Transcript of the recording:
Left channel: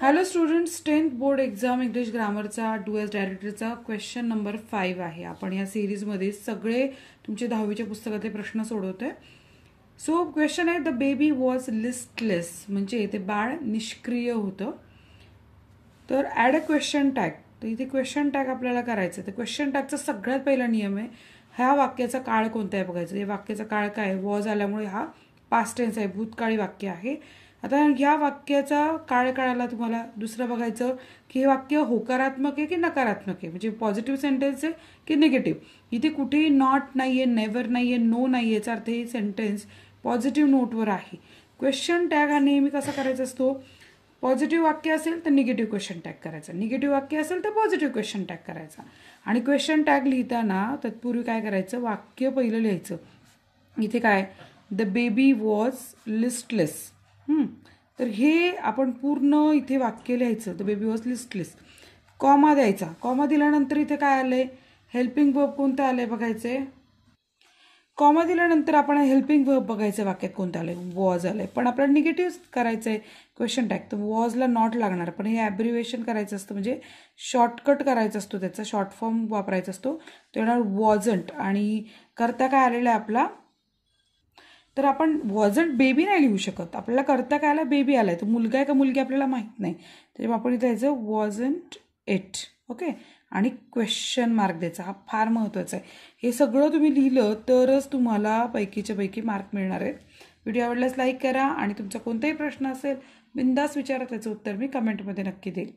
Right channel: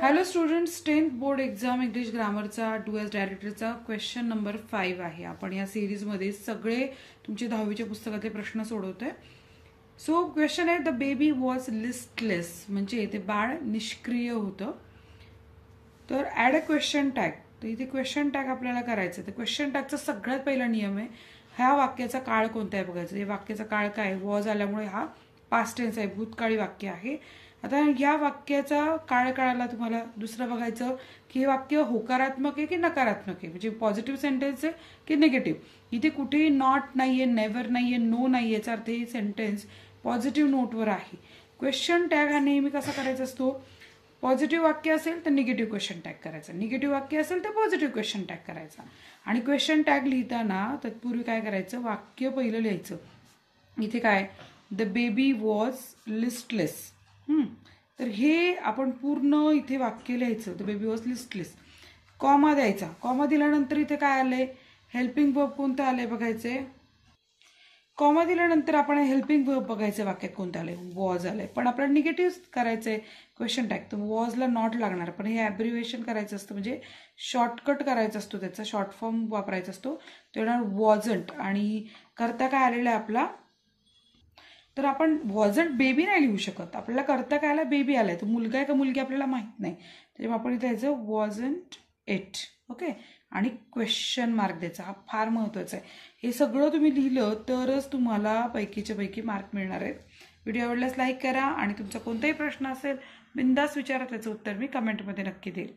Hello students, 10th board exam English ग्रामरचा do as डायरेक्टरचा question number 5 आहे. आपण या सिरीजमध्ये सगळे तुमचे 10वीच्या पुस्तकातले प्रश्न सोडवतोय. सो क्वेश्चन आहे, द बेबी वॉज लिस्टलेस, म्हणजे ते बाळ निष्क्रिय होतं. तर ऍड अ क्वेश्चन टॅग. तर इथे क्वेश्चन टॅग आपल्याला करायचं. तर क्वेश्चन टॅगचा सगळ्यात पहिला नियम आहे, ह्या वाक्याचा काळ कोणता आहे बघायचं. या वाक्याचा काळ काय, वॉज आल्यामुळे हा पास्ट टेन्स आहे, भूतकाळी वाक्य आहे. आता या वाक्याचा काळ कळाला तुम्हाला. दुसरं बघायचं की हे वाक्य होकारात्मक आहे की नकारात्मक आहे, म्हणजे पॉझिटिव्ह सेंटेन्स आहे की निगेटिव्ह. इथे कुठेही नॉट नाहीये, नेव्हर नाहीये, नो नाहीये, याचा अर्थ हे सेंटेन्स पॉझिटिव्ह नोटवर आहे. क्वेश्चन टॅग हा नेहमी कसा करायचा असतो, पॉझिटिव्ह वाक्य असेल तर निगेटिव्ह क्वेश्चन टॅग करायचा, निगेटिव्ह वाक्य असेल तर पॉझिटिव्ह क्वेश्चन टॅग करायचा. आणि क्वेश्चन टॅग लिहिताना तत्पूर्वी काय करायचं, वाक्य पहिलं लिहायचं. इथे काय, द बेबी वॉज लिस्टलेस. तर हे आपण पूर्ण इथे वाक्य लिहायचं, the baby was listless. Comma द्यायचा. कॉमा दिल्यानंतर इथे काय आलंय, हेल्पिंग वर्ब कोणतं आलंय बघायचंय. कॉमा दिल्यानंतर आपण हेल्पिंग वर्ब बघायचं वाक्यात कोणतं आलंय, वॉज आलंय. पण आपल्याला निगेटिव्ह करायचंय क्वेश्चन टॅग, तर वॉजला नॉट लागणार. पण हे ॲब्रिव्हिएशन करायचं असतं, म्हणजे शॉर्टकट करायचा असतो, त्याचा शॉर्ट फॉर्म वापरायचा असतो. तो येणार वॉजंट. आणि करता काय आलेला आहे आपला, तर आपण वॉजंट बेबी नाही लिहू शकत. आपल्याला करता काय आला, बेबी आलाय. तो मुलगा आहे का मुलगी आपल्याला माहित नाही, त्याच्यामुळे आपण इथे यायचं वॉजंट इट. ओके. आणि क्वेश्चन मार्क द्यायचा, हा फार महत्वाचा आहे. हे सगळं तुम्ही लिहिलं तरच तुम्हाला पैकीच्या पैकी मार्क मिळणार आहेत. व्हिडिओ आवडल्यास लाईक करा आणि तुमचा कोणताही प्रश्न असेल बिंदास विचारा, त्याचं उत्तर मी कमेंटमध्ये नक्की देईल.